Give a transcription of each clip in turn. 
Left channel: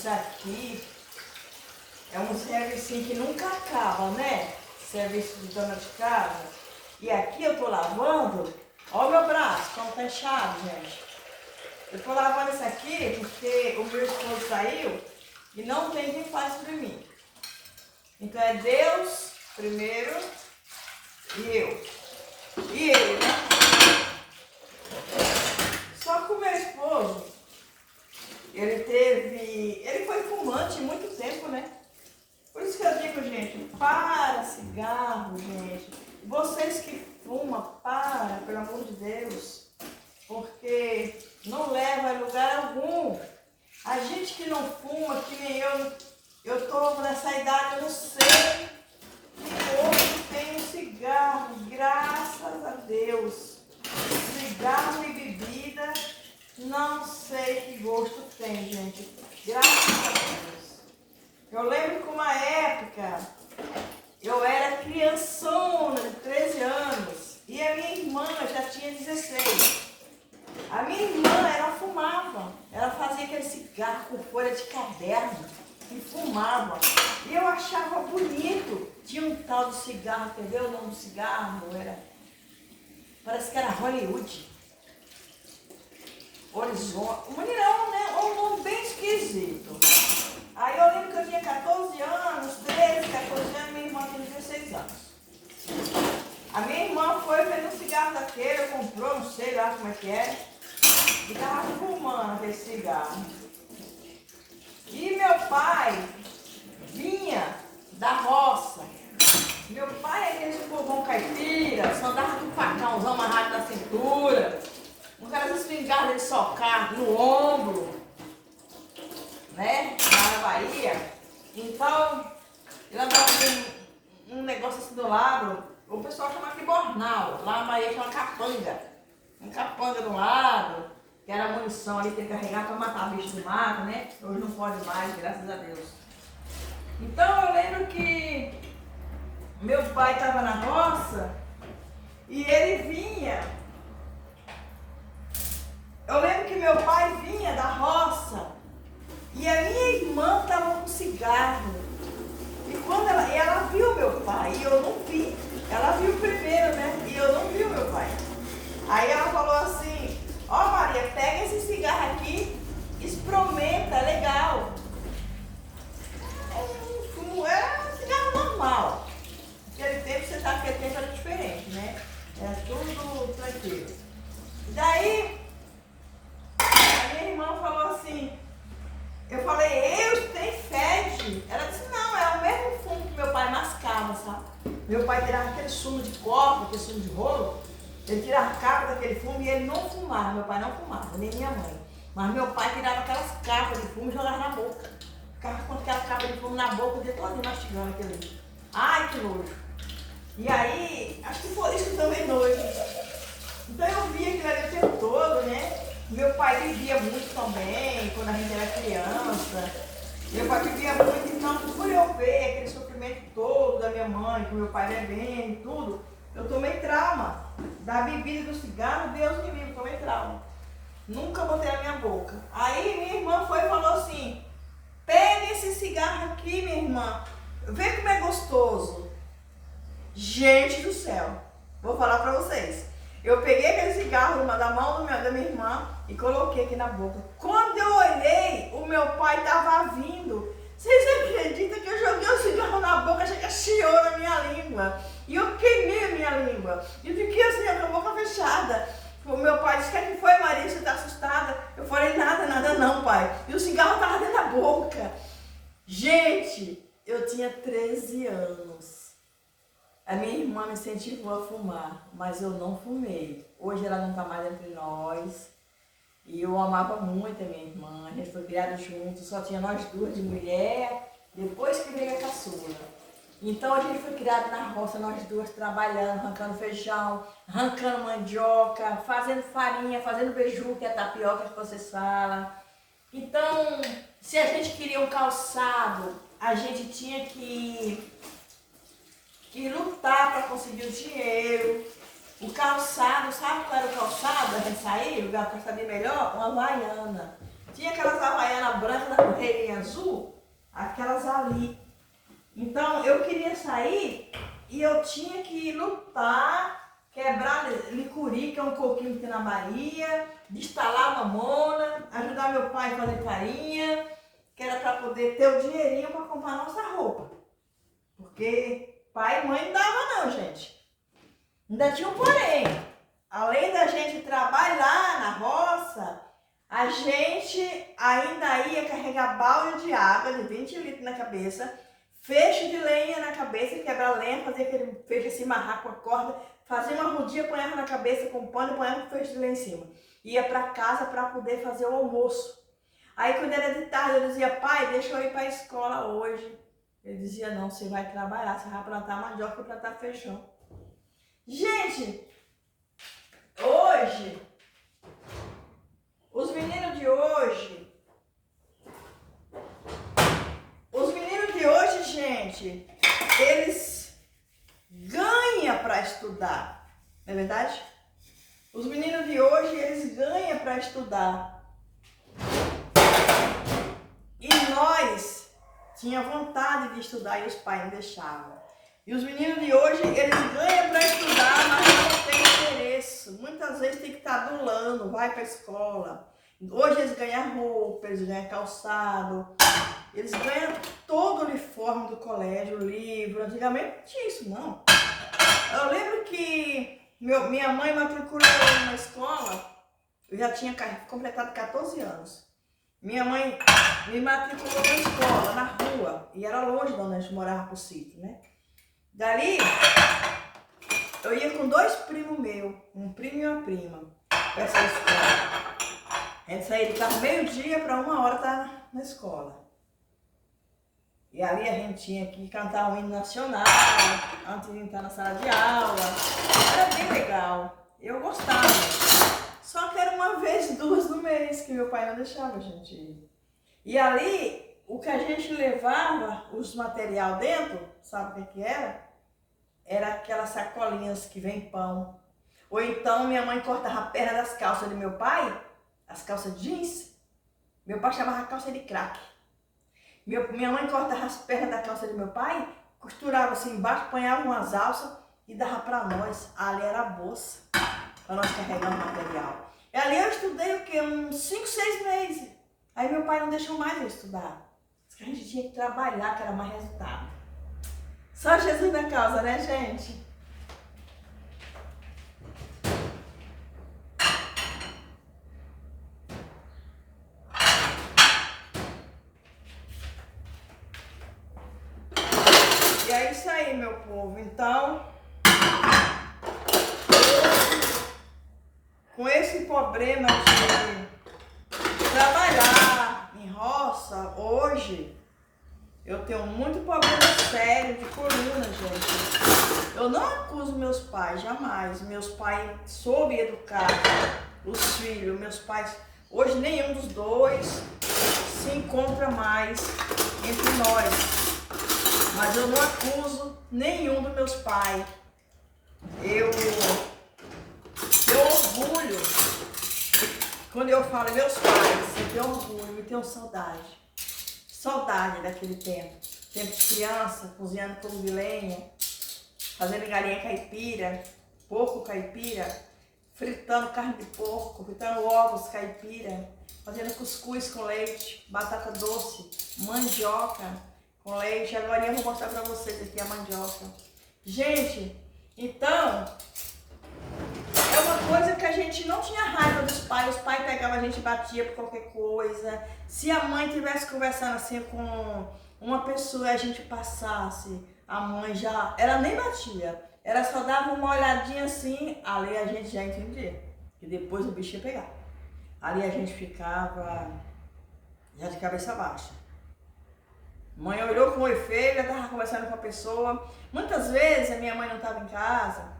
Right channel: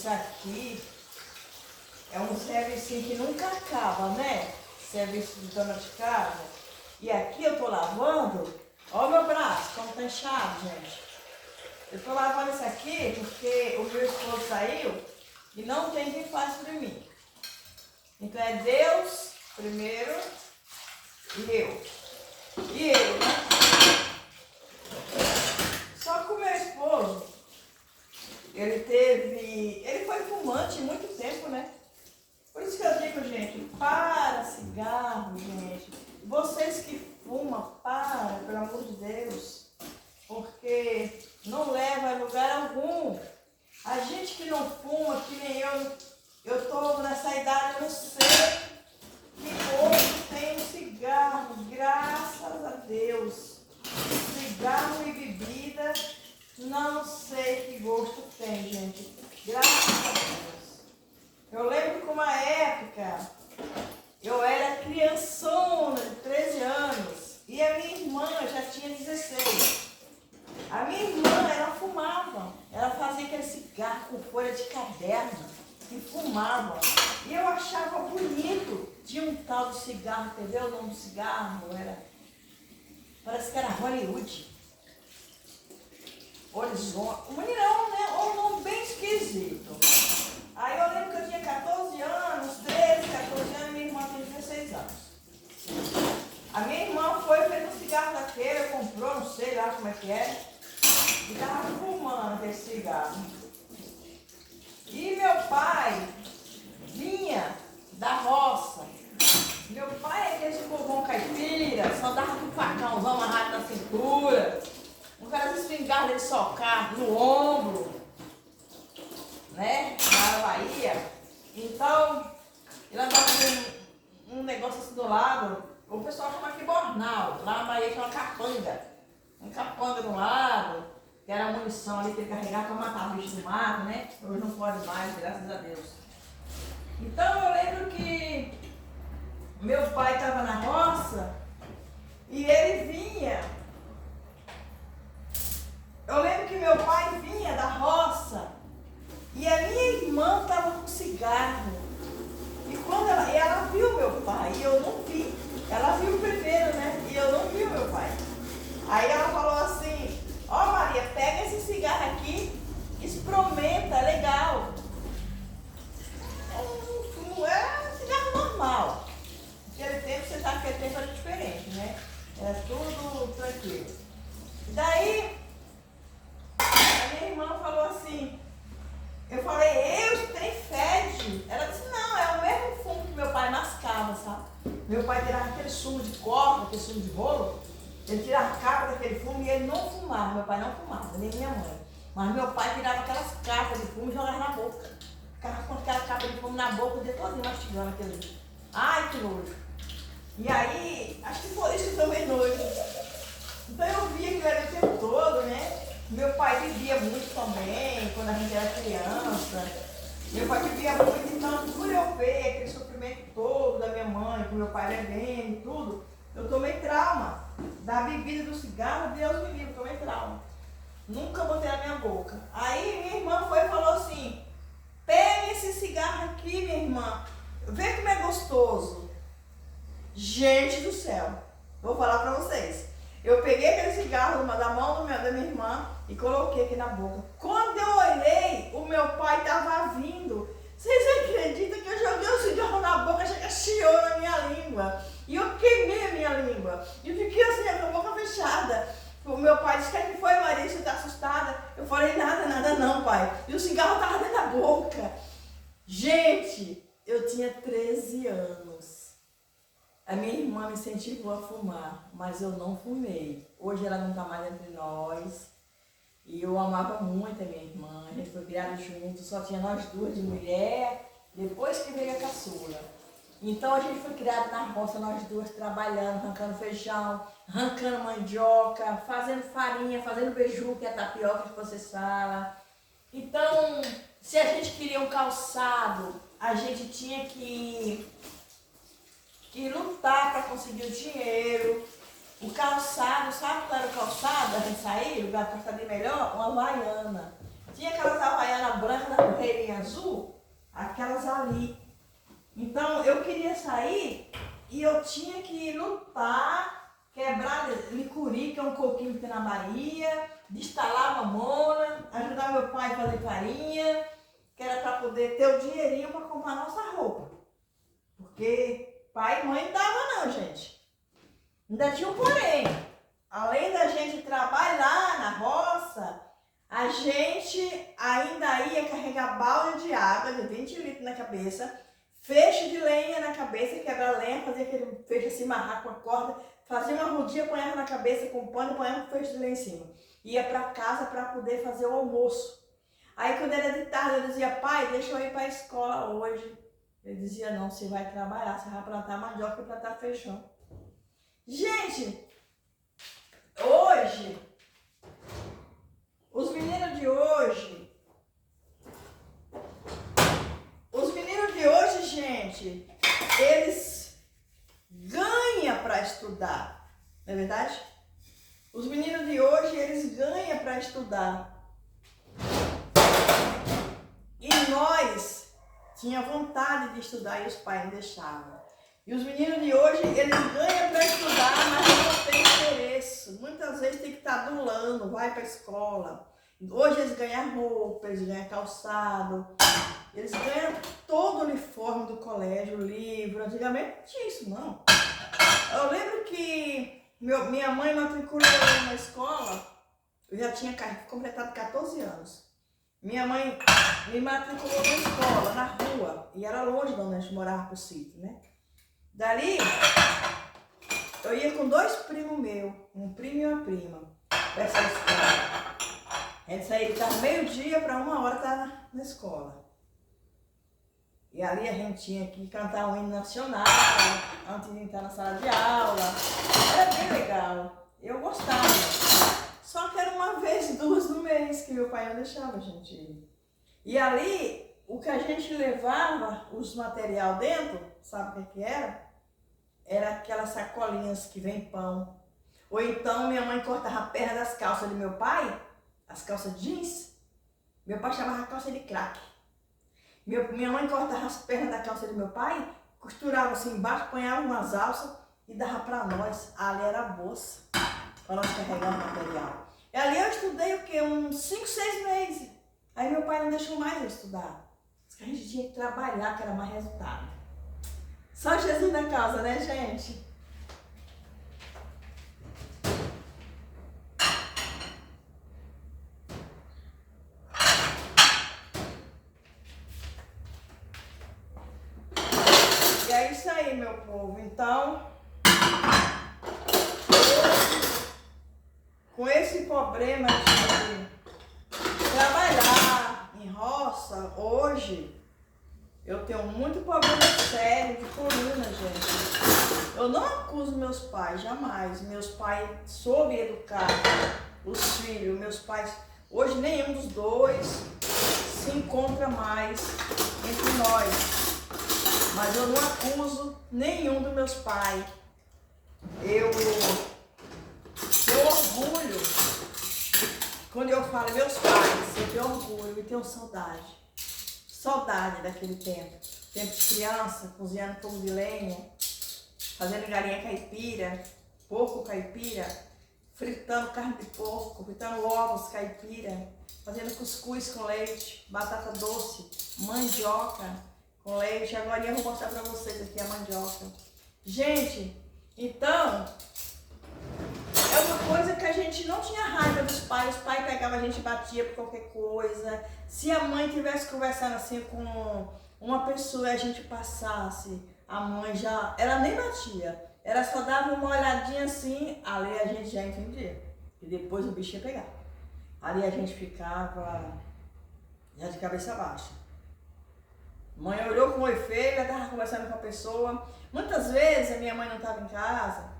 isso aqui é um serviço que nunca acaba, né? Serviço de dona de casa. E aqui eu tô lavando, ó o meu braço, como tá inchado, gente. Eu tô lavando isso aqui porque o meu esposo saiu e não tem quem faz pra mim. Então é Deus primeiro e eu. E eu, né? Só que o meu esposo, ele foi fumante muito tempo, né? Por isso que eu digo, gente, para cigarro, gente. Vocês que fumam, para, pelo amor de Deus. Porque não leva a lugar algum. A gente que não fuma, que nem eu tô nessa idade, eu não sei que hoje tem um cigarro, graças a Deus. Cigarro e bebida, não sei que gosto tem, gente. Graças a Deus. Eu lembro que uma época, eu era criançona de 13 anos e a minha irmã já tinha 16. A minha irmã, ela fumava, ela fazia aquele cigarro com folha de caderno e fumava. E eu achava bonito. Tinha um tal de cigarro, quer ver o nome do cigarro? Parece que era Hollywood. Horizonte. Não, né? Um nome bem esquisito. Aí eu lembro que eu tinha 14 anos, 13, 14 anos, minha irmã tinha 16 anos. A minha irmã foi, fez um cigarro daquele, comprou, não sei lá como é que é, e estava fumando esse cigarro. E meu pai vinha da roça. Meu pai é aquele povão caipira, só andava com um facãozão amarrado na cintura, com aquelas espingardas de socar no ombro, né, na Bahia. Então, ele andava com um negócio assim do lado, o pessoal chama aqui bornal, lá na Bahia chama capanga. Um capanga do lado, que era a munição ali que ele carregava para matar bicho do mato, né? Hoje não pode mais, graças a Deus. Então eu lembro que meu pai estava na roça e ele vinha. Eu lembro que meu pai vinha da roça e a minha irmã estava com cigarro. E quando ela viu meu pai e eu não vi. Ela viu primeiro, né? E eu não vi o meu pai. Aí ela falou assim, ó Maria, pega esse cigarro aqui, experimenta, é legal. É um cigarro normal. Naquele tempo, você sabe que aquele tempo era diferente, né? Era tudo tranquilo. Daí, a minha irmã falou assim, eu falei, tem fede. Ela disse, não, é o mesmo fumo que meu pai mascava, sabe? Meu pai tirava aquele sumo de coca, aquele sumo de rolo, ele tirava a capa daquele fumo e ele não fumava, meu pai não fumava, nem minha mãe. Mas meu pai tirava aquelas capas de fumo e jogava na boca. Ficava com aquela capa de fumo na boca, o dia todo mastigando aquilo ali. Ai, que nojo. E aí, acho que foi isso que eu tomei nojo. Então eu via aquilo ali o tempo todo, né? Meu pai bebia muito também, quando a gente era criança. Meu pai bebia muito, então por eu ver aquele sofrimento todo da minha mãe, com meu pai bebendo e tudo, eu tomei trauma. Da bebida do cigarro, Deus me livre, tomei trauma. Nunca botei na minha boca. Aí minha irmã foi e falou assim, pega esse cigarro aqui, minha irmã, vê como é gostoso. Gente do céu, vou falar pra vocês. Eu peguei aquele cigarro da mão da minha irmã e coloquei aqui na boca. Quando eu olhei, o meu pai estava vindo. Vocês acreditam que eu joguei o cigarro na boca, achei que chiou na minha língua. E eu queimei a minha língua. E fiquei assim, com a boca fechada. O meu pai disse, o que foi, Maria? Você está assustada? Eu falei, nada não, pai. E o cigarro estava dentro da boca. Gente, eu tinha 13 anos. A minha irmã me incentivou a fumar, mas eu não fumei. Hoje ela não está mais entre nós. E eu amava muito a minha irmã. A gente foi criado juntos, só tinha nós duas de mulher, depois que veio a caçula. Então a gente foi criado na roça, nós duas trabalhando, arrancando feijão, arrancando mandioca, fazendo farinha, fazendo beiju, que é a tapioca que vocês falam. Então, se a gente queria um calçado, a gente tinha que lutar para conseguir o dinheiro. O calçado, sabe qual era o calçado? A gente saía, o lugar para saber melhor, uma Havaiana. Tinha aquelas havaianas brancas da correirinha azul, aquelas ali. Então eu queria sair e eu tinha que lutar, quebrar licuri, que é um coquinho que tem na Bahia, destalar mamona, ajudar meu pai a fazer farinha, que era para poder ter o dinheirinho para comprar nossa roupa. Porque pai e mãe não dava não, gente. Ainda tinha um porém. Além da gente trabalhar na roça, a gente ainda ia carregar balde de água de 20 litros na cabeça, feixe de lenha na cabeça, quebrar lenha, fazer aquele feixe se amarrar com a corda, fazia uma rodinha, ponhava na cabeça com pano e ponhava um feixe de lenha em cima. Ia para casa para poder fazer o almoço. Aí quando era de tarde eu dizia, pai, deixa eu ir para a escola hoje. Ele dizia, não, você vai trabalhar, você vai plantar mandioca e plantar feijão. Gente, hoje, os meninos de hoje, gente, eles ganham para estudar, não é verdade? Os meninos de hoje, eles ganham para estudar. E nós tinha vontade de estudar e os pais não deixavam. E os meninos de hoje, eles ganham para estudar, mas não tem interesse. Muitas vezes tem que estar adulando, vai para a escola. Hoje eles ganham roupa, eles ganham calçado, eles ganham todo o uniforme do colégio, livro. Antigamente não tinha isso, não. Eu lembro que minha mãe matriculou na escola, eu já tinha completado 14 anos. Minha mãe me matriculou na escola, na rua, e era longe de onde a gente morava pro sítio, né? Dali, eu ia com 2 primos meus, um primo e uma prima, para essa escola. A gente saía de casa meio-dia para 1h estar na escola. E ali a gente tinha que cantar um hino nacional, antes de entrar na sala de aula. Era bem legal, eu gostava. Só que era 1 vez, 2 no mês, que meu pai não deixava a gente ir. E ali, o que a gente levava, os material dentro, sabe o que era? Era aquelas sacolinhas que vem pão. Ou então minha mãe cortava a perna das calças de meu pai, as calças jeans. Meu pai chamava calça de crack. Minha mãe cortava as pernas da calça de meu pai, costurava assim embaixo, ponhava umas alças e dava para nós. Ali era a bolsa, para nós carregar o material. E ali eu estudei o quê? Uns 5, 6 meses. Aí meu pai não deixou mais eu estudar. Diz que a gente tinha que trabalhar, que era mais resultado. Só Jesus na causa, né, gente? E é isso aí, meu povo. Então, com esse problema de trabalhar em roça, hoje, eu tenho muito problema sério de coluna, gente. Eu não acuso meus pais, jamais. Meus pais soube educar os filhos. Meus pais, hoje nenhum dos dois se encontra mais entre nós. Mas eu não acuso nenhum dos meus pais. Eu tenho orgulho. Quando eu falo meus pais, eu tenho orgulho e tenho saudade. Saudade daquele tempo. Tempo de criança, cozinhando fogo de lenha, fazendo galinha caipira, porco caipira, fritando carne de porco, fritando ovos caipira, fazendo cuscuz com leite, batata doce, mandioca com leite. Agora eu vou mostrar pra vocês aqui a mandioca. Gente, então, é uma coisa que a gente não tinha raiva dos pais. Os pais pegavam a gente e batia por qualquer coisa. Se a mãe estivesse conversando assim com uma pessoa e a gente passasse, a mãe já, ela nem batia. Ela só dava uma olhadinha assim, ali a gente já entendia. E depois o bicho ia pegar. Ali a gente ficava já de cabeça baixa. Mãe olhou com o olho feio, já estava conversando com a pessoa. Muitas vezes a minha mãe não estava em casa.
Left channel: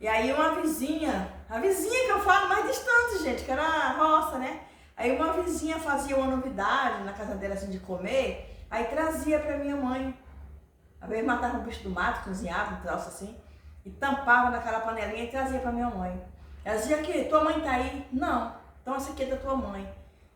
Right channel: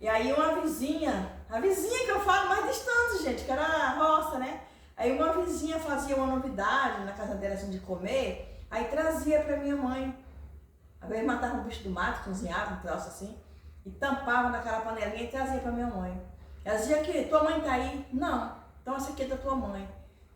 E aí uma vizinha, a vizinha que eu falo mais distante, gente, que era a roça, né? Aí uma vizinha fazia uma novidade na casa dela assim de comer, aí trazia pra minha mãe. Às vezes matava um bicho do mato, cozinhava, um troço assim, e tampava naquela panelinha e trazia pra minha mãe. Ela dizia que tua mãe tá aí? Não, então essa aqui é da tua mãe.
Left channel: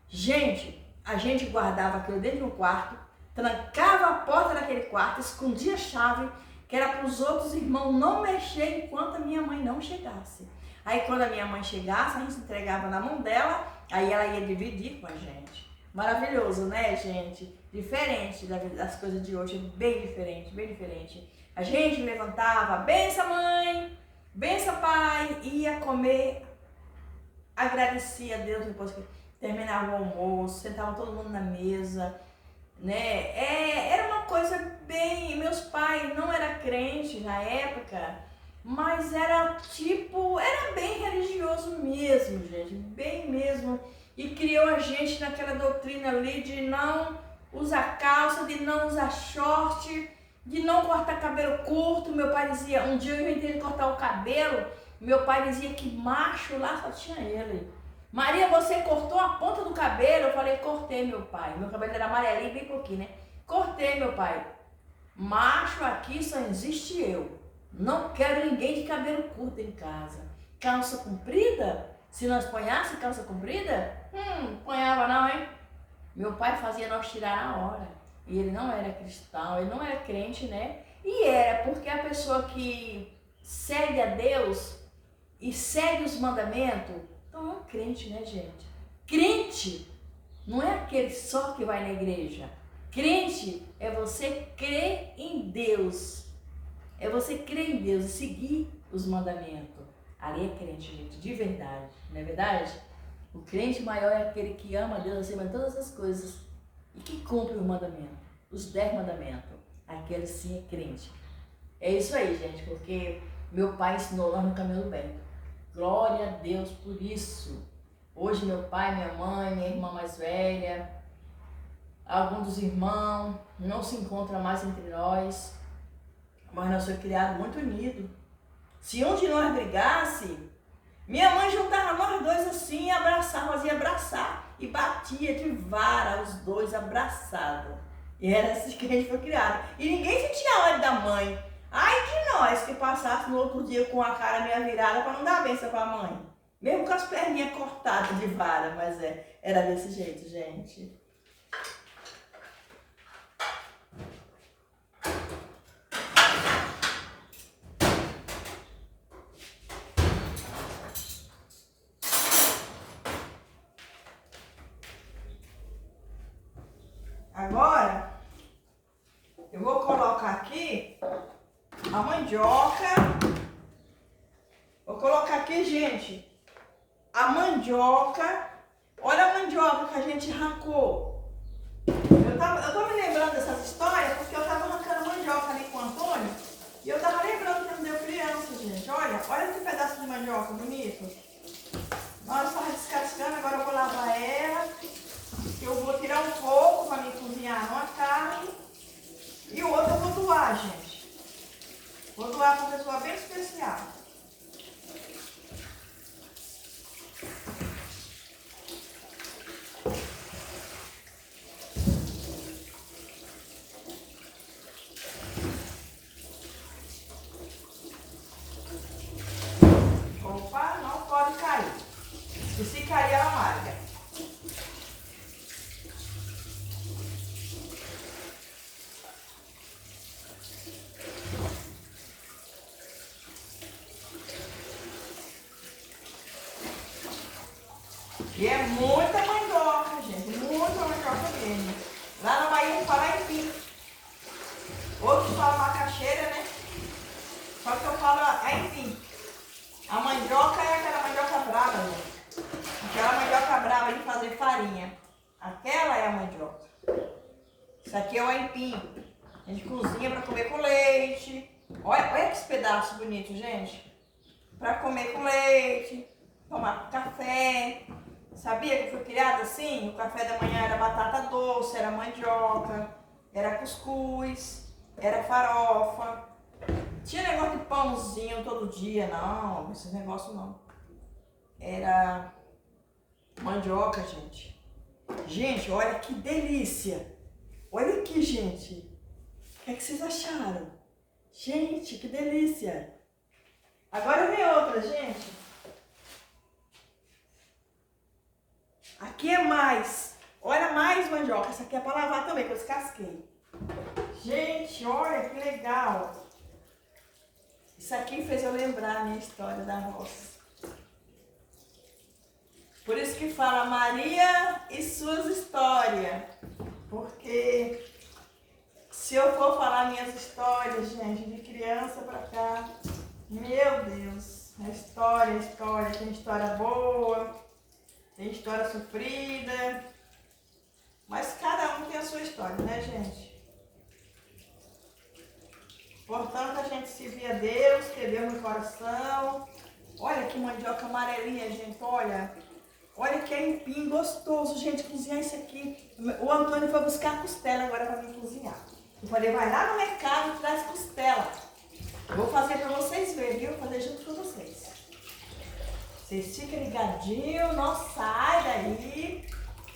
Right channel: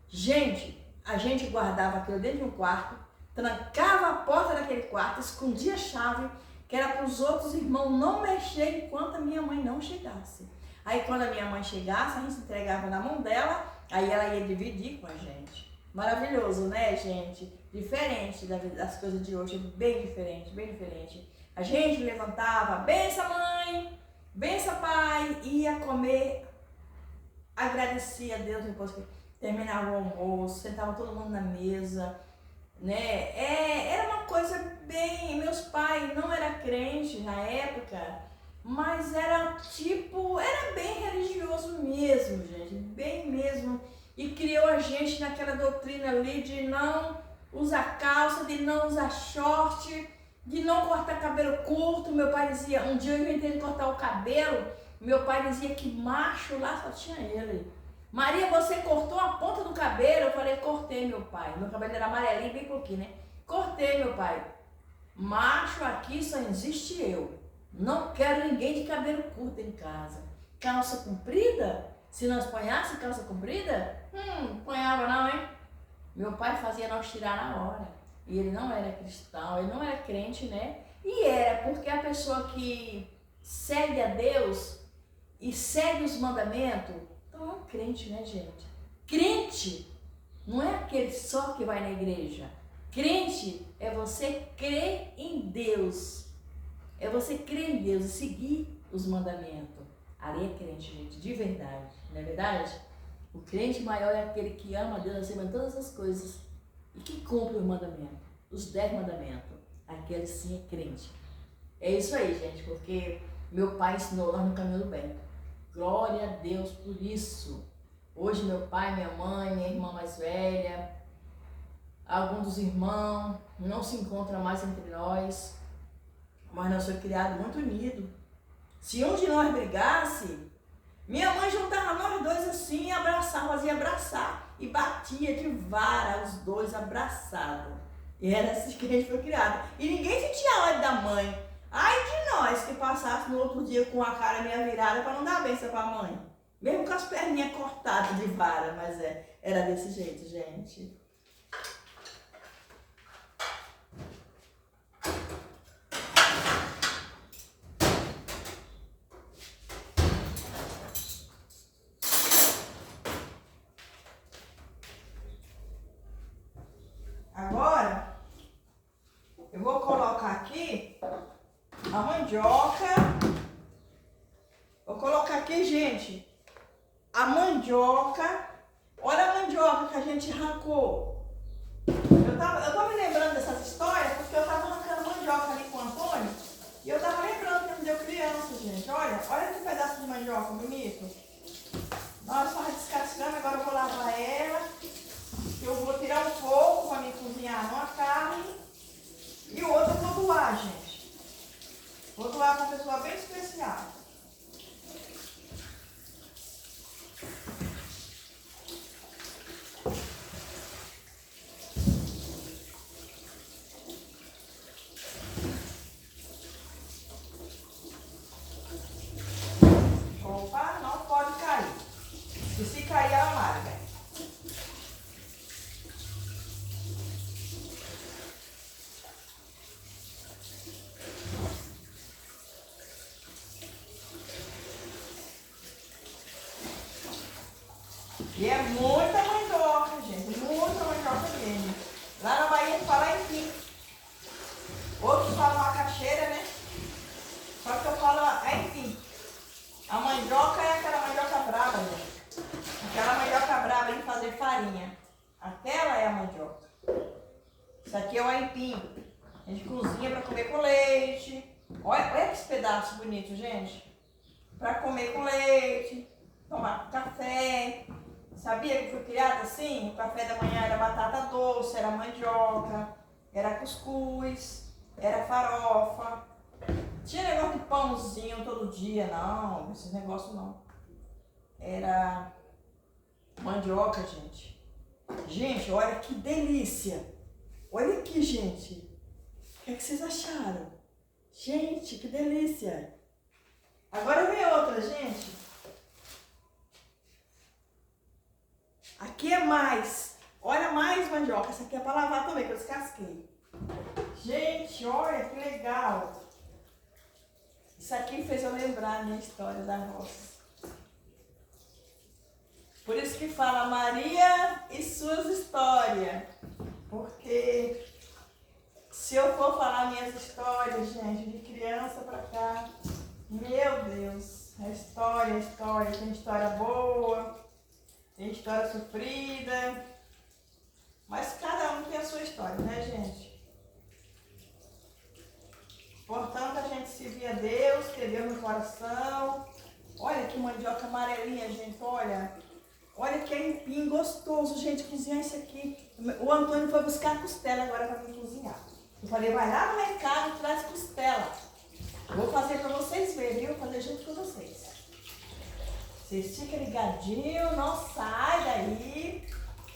Gente, a gente guardava aquilo dentro de um quarto, trancava a porta daquele quarto, escondia a chave, que era para os outros irmãos não mexer enquanto a minha mãe não chegasse. Aí quando a minha mãe chegasse, a gente entregava na mão dela, aí ela ia dividir com a gente. Maravilhoso, né, gente? Diferente das coisas de hoje, bem diferente, bem diferente. A gente levantava, benção mãe, benção pai, ia comer, agradecia a Deus depois que terminava o almoço, sentava todo mundo na mesa, né? Era uma coisa bem... Meus pais não eram crentes na época, mas era bem religioso mesmo, gente, bem mesmo. E criou a gente naquela doutrina ali de não usar calça, de não usar short, de não cortar cabelo curto. Meu pai dizia, um dia eu inventei de cortar o cabelo, meu pai dizia que macho lá só tinha ele. Maria, você cortou a ponta do cabelo? Eu falei, cortei, meu pai. Meu cabelo era amarelinho, bem pouquinho, né? Cortei, meu pai. Macho aqui só existe eu. Não quero ninguém de cabelo curto em casa. Calça comprida? Se nós ponhássemos calça comprida? Ponhava não, hein? Meu pai fazia nós tirar na hora. E ele não era cristão, ele não era crente, né? E era porque a pessoa que segue a Deus e segue os mandamentos, então é um crente, né, gente? Crente não é aquele só que vai na igreja. Crente é você crer em Deus. É você crer em Deus e seguir os mandamentos. Ali é crente, gente, de verdade, não é verdade? O crente maior é aquele que ama a Deus acima de todas as coisas e que cumpre os mandamentos, os 10 mandamentos. Aquele sim é crente. É isso aí, gente, porque meu pai ensinou nós no caminho do bem. Glória a Deus por isso. Hoje meu pai, minha mãe, minha irmã mais velha, alguns dos irmãos não se encontram mais entre nós, mas nós somos criados muito unidos. Se um de nós brigasse, minha mãe juntava nós dois assim e abraçava, fazia abraçar e batia de vara os dois abraçados. E era assim que a gente foi criado. E ninguém sentia ódio da mãe. Ai de nós que passasse no outro dia com a cara meia virada para não dar benção para a mãe. Mesmo com as perninhas cortadas de vara, mas era desse jeito, gente. Agora, eu vou colocar aqui a mandioca. Vou colocar aqui, gente, a mandioca. Olha a mandioca que a gente arrancou. Eu tô me lembrando dessas histórias porque eu tava arrancando mandioca ali com o Antônio. E eu tava lembrando que ele deu criança, gente. Olha esse pedaço de mandioca bonito. Nós estamos descascando, agora eu vou lavar ela. Eu vou tirar um pouco para me cozinhar uma carne. E o outro eu vou doar, gente. Vou doar para uma pessoa bem especial. Opa, não pode cair. E se cair, ela amarga. E é muita mandioca, gente. Muita mandioca mesmo. Lá na Bahia fala aipim. Outros falam macaxeira, né? Só que eu falo aipim. A mandioca é aquela mandioca brava, gente. Aquela mandioca brava de fazer farinha. Aquela é a mandioca. Isso aqui é o aipim. A gente cozinha para comer com leite. Olha que pedaço bonito, gente. Para comer com leite, tomar café. Sabia que foi criado assim? O café da manhã era batata doce, era mandioca, era cuscuz, era farofa. Tinha negócio de pãozinho todo dia, não, esses negócios não. Era mandioca, gente. Gente, olha que delícia. Olha aqui, gente. O que é que vocês acharam? Gente, que delícia. Agora vem outra, gente. Aqui é mais Olha mais mandioca. Essa aqui é para lavar também, que eu descasquei. Gente, olha que legal. Isso aqui fez eu lembrar a minha história da roça. Por isso que fala Maria e suas histórias. Porque se eu for falar minhas histórias, gente, de criança pra cá, meu Deus, é história, tem história boa, tem história sofrida, mas cada um tem a sua história, né, gente? Portanto, a gente servir a Deus, ter Deus no coração. Olha que mandioca amarelinha, gente, olha. Olha que aipim gostoso, gente, cozinhar isso aqui. O Antônio foi buscar costela agora para me cozinhar. Eu falei, vai lá no mercado e traz costela. Eu vou fazer para vocês verem, viu? Vou fazer junto com vocês. Vocês ficam ligadinhos, não sai daí.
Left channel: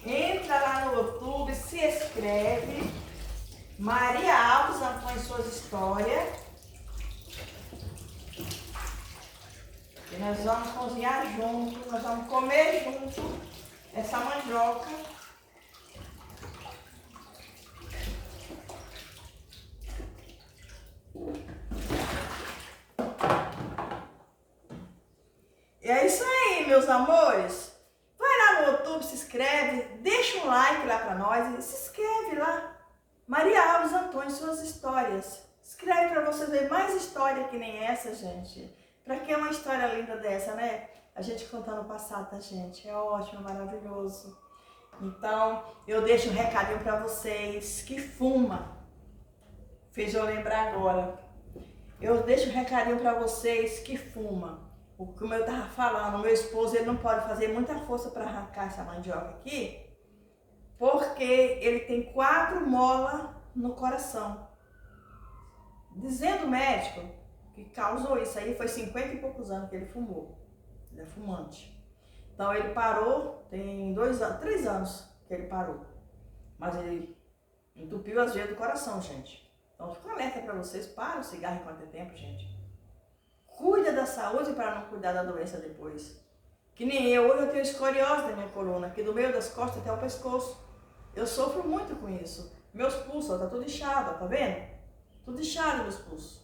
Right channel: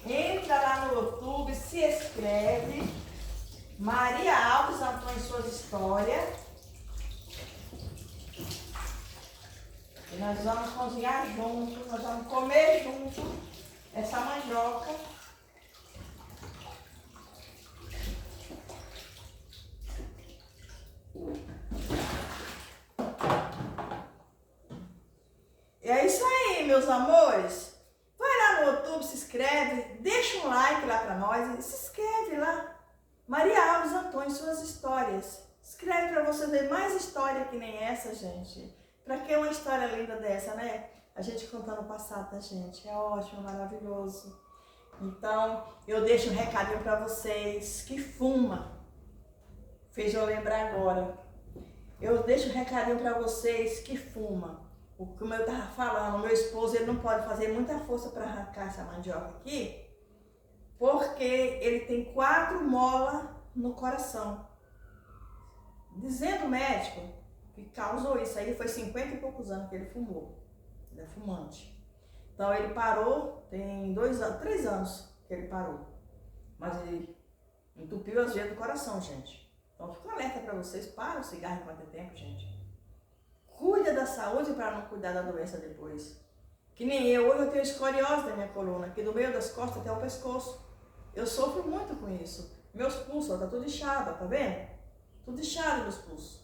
Entra lá no YouTube, se inscreve. Maria Alves Antônio Suas Histórias. E nós vamos cozinhar junto, nós vamos comer junto essa mandioca. E é isso aí, meus amores. Vai lá no YouTube, se inscreve, deixa um like lá pra nós e se inscreve lá. Maria Alves Antônio, Suas Histórias. Escreve pra você ver mais história que nem essa, gente. Pra que uma história linda dessa, né? A gente contando o passado da gente. É ótimo, maravilhoso. Então, eu deixo um recadinho pra vocês que fuma. Fez eu lembrar agora. Eu deixo um recadinho pra vocês que fuma. Como eu tava falando, meu esposo ele não pode fazer muita força para arrancar essa mandioca aqui, porque ele tem 4 molas no coração. Dizendo o médico que causou isso aí, foi 50 e poucos anos que ele fumou. Ele é fumante. Então ele parou, tem 3 anos que ele parou. Mas ele entupiu as veias do coração, gente. Então fica alerta para vocês, para o cigarro enquanto é tempo, gente. Cuida da saúde para não cuidar da doença depois. Que nem eu, hoje eu tenho escoliose na minha coluna, aqui do meio das costas até o pescoço. Eu sofro muito com isso. Meus pulsos, ó, tá tudo inchado, ó, tá vendo? Tudo inchado meus pulsos.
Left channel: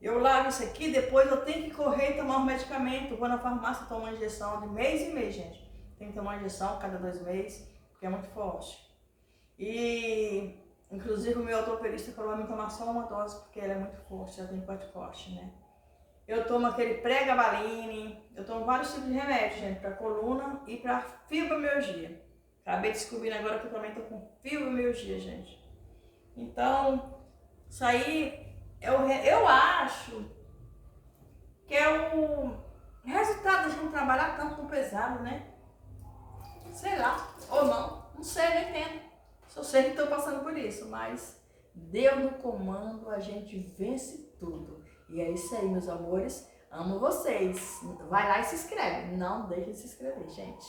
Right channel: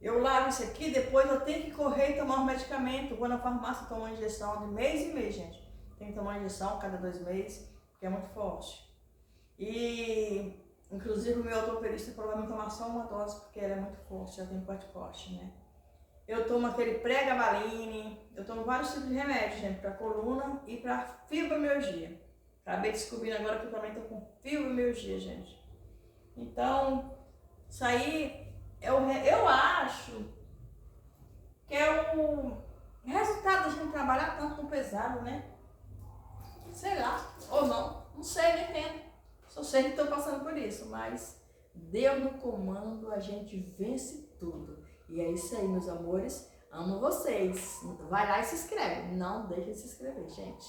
Eu lavo isso aqui, depois eu tenho que correr e tomar um medicamento. Vou na farmácia tomar uma injeção de mês em mês, gente. Tem que tomar uma injeção cada 2 meses, porque é muito forte. E, inclusive, o meu ortopedista falou para mim tomar só uma dose, porque ela é muito forte, ela tem parte forte, né? Eu tomo aquele pré-gabaline, eu tomo vários tipos de remédios, gente, para coluna e para fibromialgia. Acabei descobrindo agora que eu também tô com fibromialgia, gente. Então, isso aí, eu acho que é o resultado da gente trabalhar tanto com pesado, né? Sei lá, ou não sei, não entendo. Só sei que estou passando por isso, mas Deus no comando, a gente vence tudo. E é isso aí, meus amores. Amo vocês. Vai lá e se inscreve. Não deixe de se inscrever, gente.